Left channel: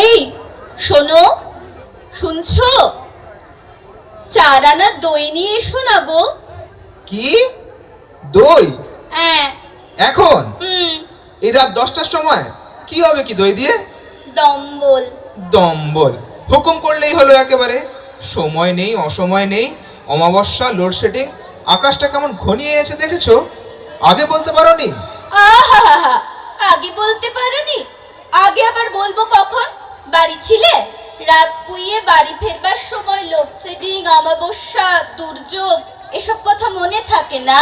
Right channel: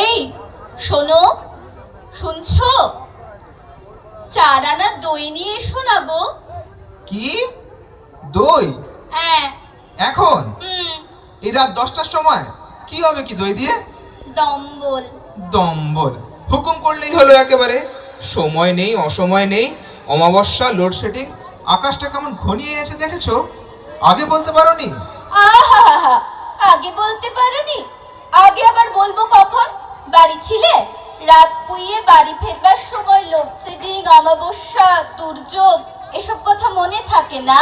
এই শোনো, শুনছো? 4 আনা দই নিয়ে এসো না গো। কি? দই? হ্যাঁ। এখন? হুম। এই রাত 10টার সময় কি হবে কি দই দিয়ে? দম্বল। দম্বল? হুকুম করলেই হলো একেবারে। সময় নেই, অসময় নেই, অমাবস্যা, লোডশেডিং, আকাশটা কেমন ঘনিয়ে এসে দেখেছো? আগে বলতে পারোনি? আহা, আগে বলতে পারোনি? আগে আবার বলবো কখন? বাড়ি ছিলে? রাত পুইয়ে বাড়ি ফেরবার সময় লোডশেডিং, অমাবস্যা, দুর্যোগ এসব কথা মনে থাকে না?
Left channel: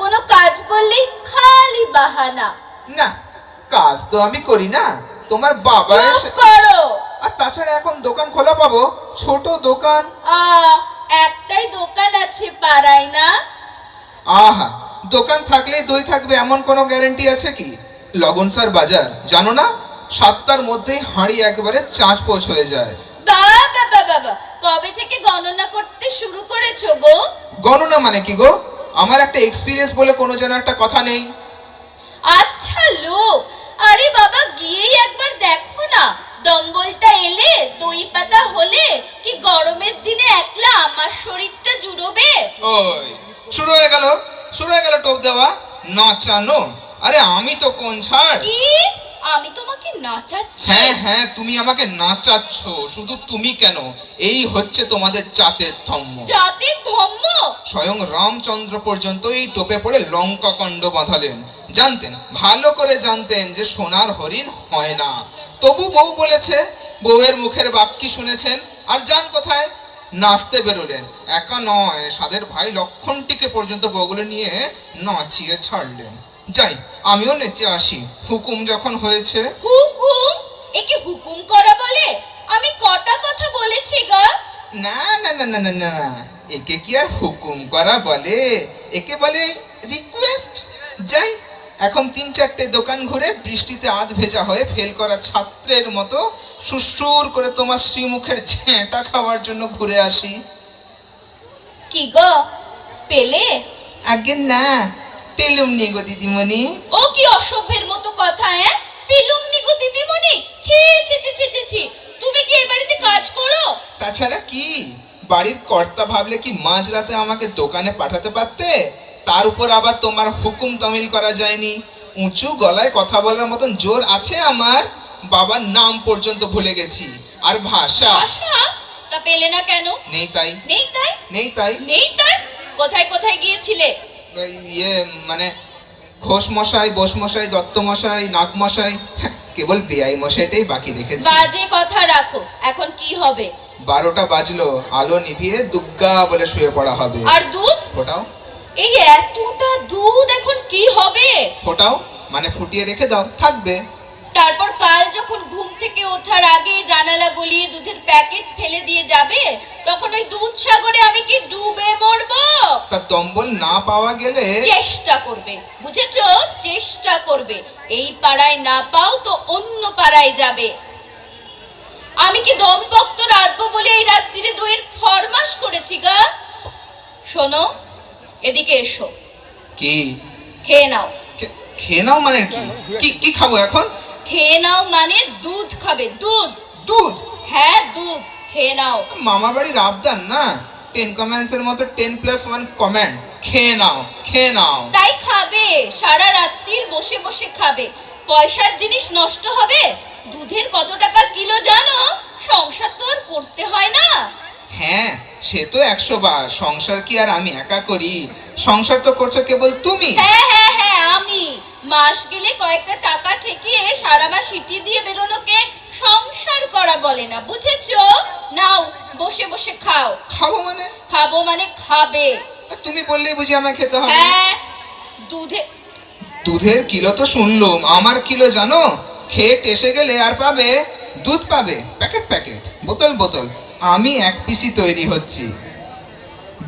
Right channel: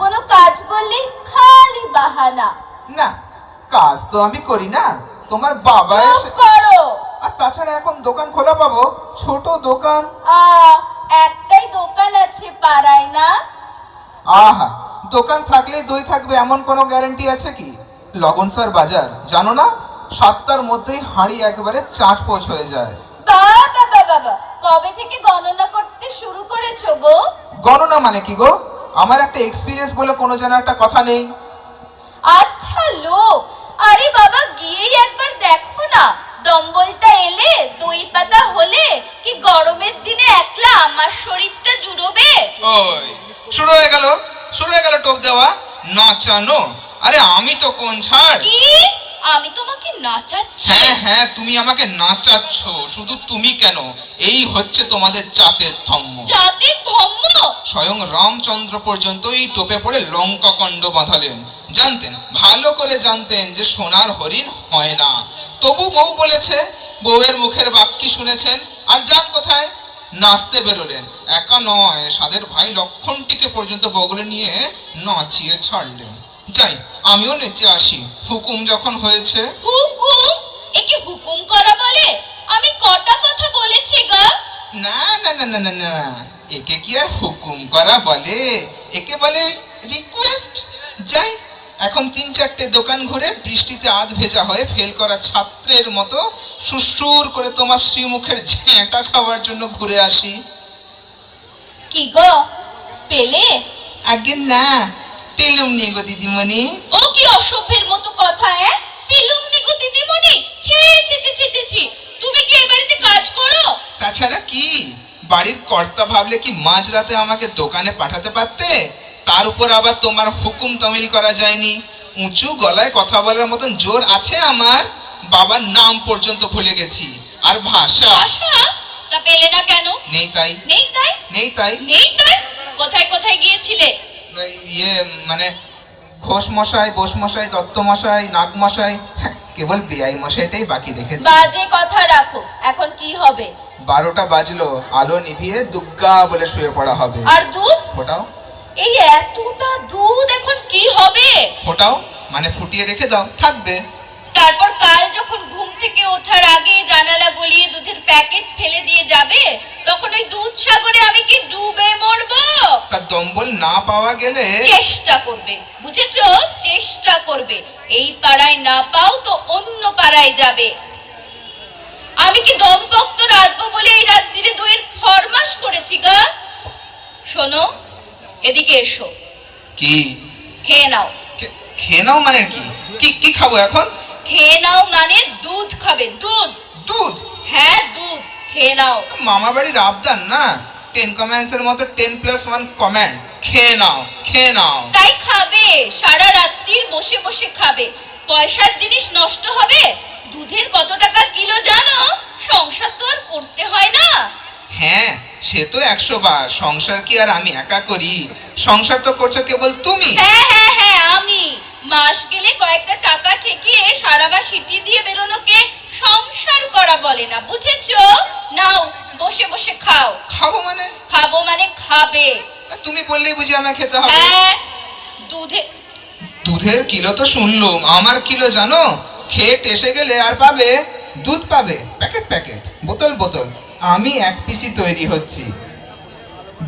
কোনো কাজ বললেই খালি বাহানা। না, কাজ তো আমি করি না, তোমার বাবা চুপ এসে। করো। আর তাছাড়া এখন দোকান খোলা পাবো? ছোট দোকান। একটাই দোকান আছে পাড়ায় না? আহা, দোকান থাকলেই দই থাকবে এমন কোনো গ্যারান্টি আছে কি? লগন স্যার বাজার জানো না? 7টার মধ্যেই হাঁড়ি একেবারে চাঁচপোচ হয়ে যায়। বাবা বাবা, কবে থেকে গণনা করতে শুরু করেছো গো? গণনা মানে কি গো? আমার একটা এক্সপিরিয়েন্স বলে কোনো যেন একটা কথা নেই? আচ্ছা লোক, আরে বাবা গিয়েই একবার দেখো না, দম্বলটা এলে দই পাতা হলে কি গরমের দিনে একলা আমার শরীরটা জুড়োবে? ওই শুরু হয়ে গেল, শুরু হয়ে গেল টোপ দেওয়া, নাচানো। আরে আমি তো কোন ছাড়? কি? আমি তোমাকে নাচাচ্ছি? হ্যাঁ হ্যাঁ, তুমি আমাকে নাচাচ্ছ। শুধু তুমি কেন, এই হচ্ছে তোমাদের জাতের ধর্ম। জাতির ধর্ম? স্বয়ং রামচন্দ্র পর্যন্ত এই টোপে পড়ে লঙ্কা কাণ্ড বাঁধালেন। জানতেন, ভালো করে জানতেন যে সোনার হরিণ হয় না। তবু বউ বলেছে, বউয়ের মুখের বাক্যি শুনেছেন আর যান কোথায়? নাচতে বেরোলেন। একা নয়, সাদের ভাই লক্ষণটিকে পর্যন্ত বগলে নিয়ে নাচিয়ে ছাড়লেন। যাই, আমিও নেচে আসি, হুকুম যখন হয়েছে। হুকুম? একে হুকুম করা বলে? আমি কটা কথা বলেছি গা? না না না না না না, একে কি আর হুকুম করা বলে? একে বলে রিকোয়েস্ট। যাই, এখন 3-4টে দোকান ঘুরে বৃষ্টিতে আধ ভেজা হয়ে ফেল করা ছাত্রের মতো সুসুর করে তোমার শ্রীমুখের ঝেঁটা খাওয়ার জন্য ঘুরে আসি। কি গো, পেলে? আগে না, পেলুম নি গো দিদিমণি। ও কি অসভ্যের মতো কথা! পেলুম নি গো দিদিমণি? ছি ছি ছি ছি ছি ছি! তুমি কি এই বাড়িতে কাজ করো? তাছাড়া কি, বাড়ির কর্তা ভাবলে কি মাঝরাতে আমাকে দোকানে পাঠাতে পারতে? তার উপর আবার তোমার হুকুম তামিল করা যায়নি। উঁচু গলায় কথা বলার মতন জোর আছে আমার। বাবার নাম পর্যন্ত ভুলে গেছি। আর ভাষা? আশা? তা পেলে না কেন? নেই তাই। নেই তাই? নেই তাই? নেই তাই? কোথায় কোথায় গিয়েছিলে? ইয়ে মানে, ঘোষ মশাই, বোস মশাই, দত্ত মশাই, নাগ মশাই, কেবল বেআই মশাইটাই বাকি রেখেছি। বাজে কথা রাখো। এখন কি হবে? 12টা বাজলো, আলো নিভিয়ে দুগ্গা বলে শুয়ে পড়া হবে। আর দুধ? ফোটাও। এই এতটা দুধ এখন কি হবে? ফোটাও মানে ফুটিয়ে রেখে দাও, থাকবে। তারপর কাল যখন ঘুম থেকে ওঠার আগে জানালা গলিয়ে দুধের প্যাকেট ফেলে দিয়ে যাবে, তখন ওই দুধ সাগরে আমি কি ডুবে মরবো? তার দম্বল না পাওয়া গেলে? চেষ্টা করবে, বুঝেছো? চেষ্টা করবে। এই পাড়ায় না পাও তো অন্য পাড়ায় যাবে। আমি কি দমপক্ত রাখবো বলে এই রাত্রিরে দইয়ের ফরমাস করেছি গা? শোনো, এদিকে এসো। কি? খেয়ে নাও। খেয়ে নাও মানে কি? কি কি খাবো এখন? খেয়ে নাও মানে দুধ খাবে, দুধ। দুধ? হ্যাঁ দুধ, খেয়ে নাও। মামা বাড়ির আবদার না, 10 কমেন্টস এর মতো 10+1 কমেন্ট। খেয়ে নাও, খেয়ে নাও। তাই খাবে, সারা রাত্রির বসে বসে খাবে। পয়সার জিনিস নষ্ট হবে? দুধের কত টাকা কিলো জানো? সংসার তো আর করতে হয় না। হ্যাঁ, সে তো 100 বার। সংসার কি আর আমি একা করি? সংসার তো করছো কেবল তুমি। হ্যাঁ হ্যাঁ হ্যাঁ, আমি। মাস গেলে কয়েকটা টাকা ঠেকিয়ে সারা মাস সিটি দিয়ে বেরোনোকে সংসার করা বলে না, বুঝেছো? নাও, বসে বসে খাও। খাবো মানে? খাবো মানে খাবে। তুমি বললেই বুঝি আমায় খেতে হবে? হ্যাঁ, দুধে। দুধের কিলো তো শুনলুম, আমার কিলো জানো? খেট এসে গেলে আর পাবে? দুধ পাবে প্যাকেট প্যাকেট, বোতল বোতল। আমি এক পিসি তৈরি হচ্ছি,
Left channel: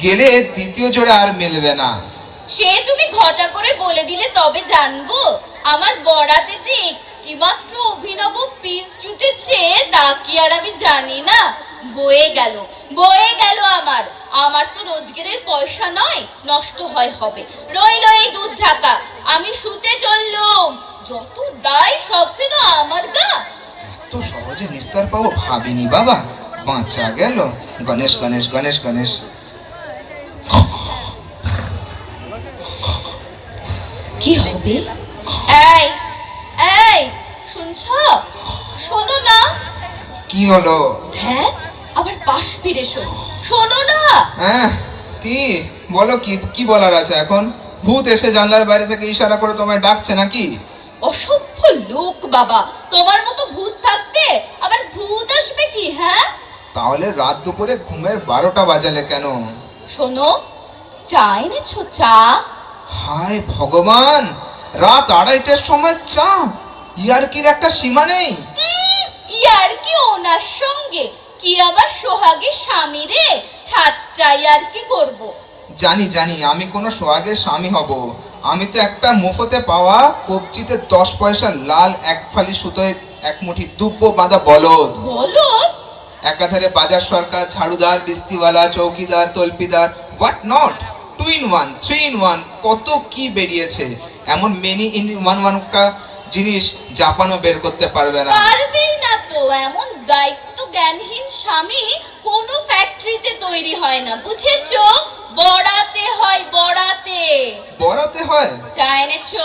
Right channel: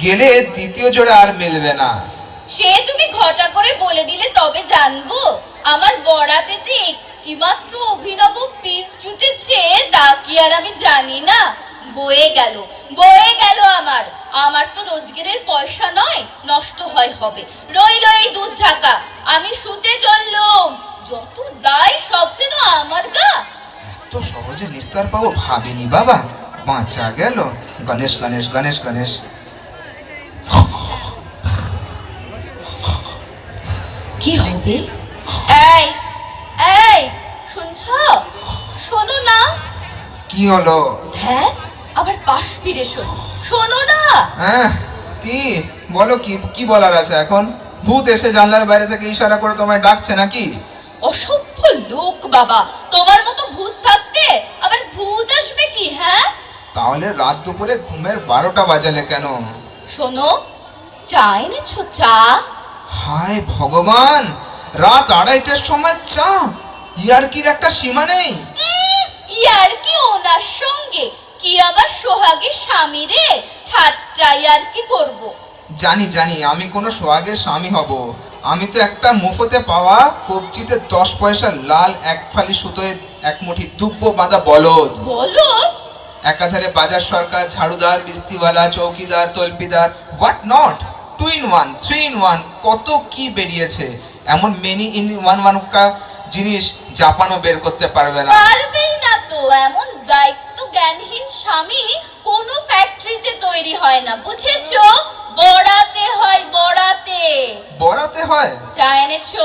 গেলে দ্বিতীয় জোড়া আর মিলবে না। সে তুমি ঘটা করে বলে দিলে তবে জানবো। আমার বরাতে যে একটি মাত্র অভিনব পিস জুটেছে তা কি আর আমি জানি না? বয়ে গেল, বয়ে গেল আমার। আমার তো রোজগারের পয়সা নয়, নষ্ট হয় হবে। রইল এই দুধ ঢাকা। আমি শুতে চললুম। যত দায় সব যেন আমার গা। এত এত সহজে নিস্তার পাবো ভাবিনি বাবা, বাঁচা গেল। গণেশ গণেশ গণেশ গণেশ। কি হবে? এই এই শুনছো? শোনো না। কি হলো? হ্যাঁ, আবার পাশ ফিরে শোনো। শোনো না। হ্যাঁ, কি বলো? কি কি বলার আছে এখন? ভূত এসে জানলার বাইরে থেকে ইশারা করে তোমায় ডাকছে নাকি? অসভ্য লোক বাবা, তোমার মতো ভূত থাকতে আবার ভূত আসবে কি? হ্যাঁ, তাহলে রাত দুপুরে ঘুমের 12টা বাজালে কেন? শোনো, চা এনেছো? চা? হায় ভগবান, রাত 2:30টার সময় চা? ইয়ার্কির একটা সীমা নেই। ইয়ার কি ওনার সঙ্গে? কি আমার সোহাগের স্বামী রে, ঠাট্টা ইয়ার কি করবো? জানি জানি, আমি কোনো সোহাগের স্বামী হব? আমি তো একটা মুফতে পাওয়া কবজিতে 10 পয়সার লাল এক ফালি সুতোয় এক মুঠি দুব্বো বাঁধা বলদ। বলো। একাধারে বাজার সরকার, ঝাড়ুদার, বিস্তিওয়ালা, চৌকিদার, তল্পিদার, হোয়াট নট, 2 in 1, 3 in 1, কত কি বেরিয়েছে। এমন মেনি ইন ওয়ান কা জিনিস জাপানও বের করতে পারবে না। পারবেই না তো, এমন দায়িত্ব জ্ঞানহীন স্বামী কোনো ফ্যাক্টরিতে তৈরি হয় না, বুঝেছো? বড়াতে হয়, বড়াতে। বড়াতে হয়? চা এনেছো?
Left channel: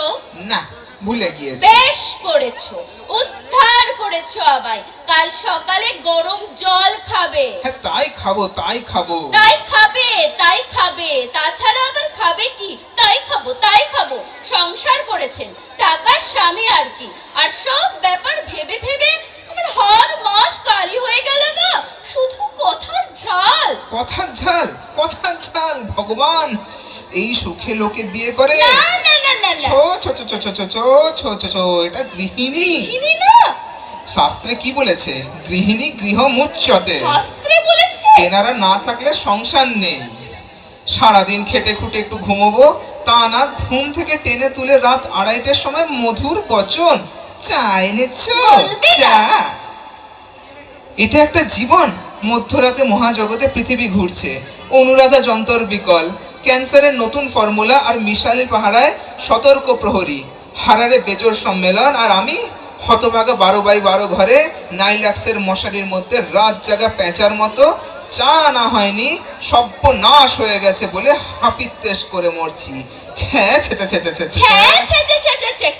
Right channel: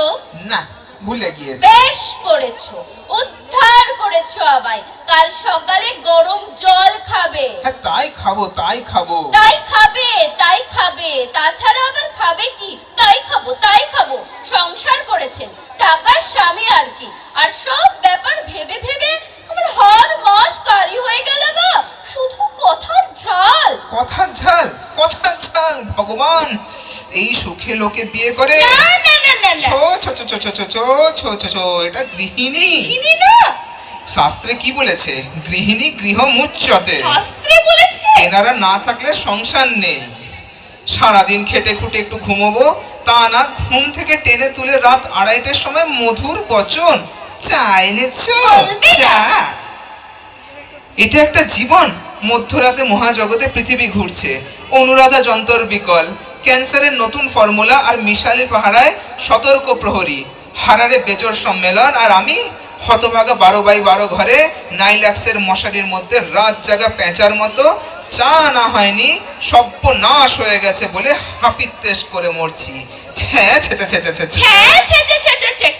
না, ভুলে গিয়েছি। বেশ করেছো, উদ্ধার করেছো আমায়। কাল সকালে গরম জল খাবে। হ্যাঁ, তাই খাবো তাই খাবো। তাই খাবে, তাই খাবে, তাছাড়া আবার খাবে কি? তাই খাবো, তাই খাবো। সংসার করেছেন, টাকার স্বামী আর কি। আর সব ব্যাপার ভেবে ভেবে আমার হাড় মাস কালি হয়ে গেল গো। শুধু কথার ঝাল। কথার ঝাল? কথার ঝাল? ভগবান, এই সুখে লোকে বিয়ে করে? না না না না না, ছো ছো ছো ছো ছো ছো ছো ছো ছো ছো, এটা গৃহিণী। চিনি না। শাস্ত্রে কি বলেছে? গৃহিণী গৃহ মুচ্যতে। শাস্ত্রে বলেছে? এনারা না থাকলে সংসার নেই। সারাদিন খেটে খুটে একটু ঘুমোবো, তা না, ঘুম থেকে টেনে তুলে রাত 2:30টার সময় মধুর বচন, চা এনেছো? বলবে না। চা? এটা একটা জীবন? মধ্যরাতে মহাজগতে পৃথিবী ঘুরছে, অনুরাধা যন্তর বিকল, ক্যান্সারের নতুন ফর্মুলা, আর মিশালি পাহারায় সতর্ক প্রহরী, হারারে বেজোর সম্মেলন, আর আমি হতভাগা 12x12 ঘরে নাইলাক্সের মশারির মধ্যে রাত জাগা পেঁচার মতো। চা না হয়নি, সর্বনাশ হয়ে গেছে বলে হাপিত্তেশ করে মরছি। ছ্যা ছ্যা ছ্যা ছ্যা ছ্যা ছ্যা। ছ্যা ছ্যা ছ্যা ছ্যা ছ্যা,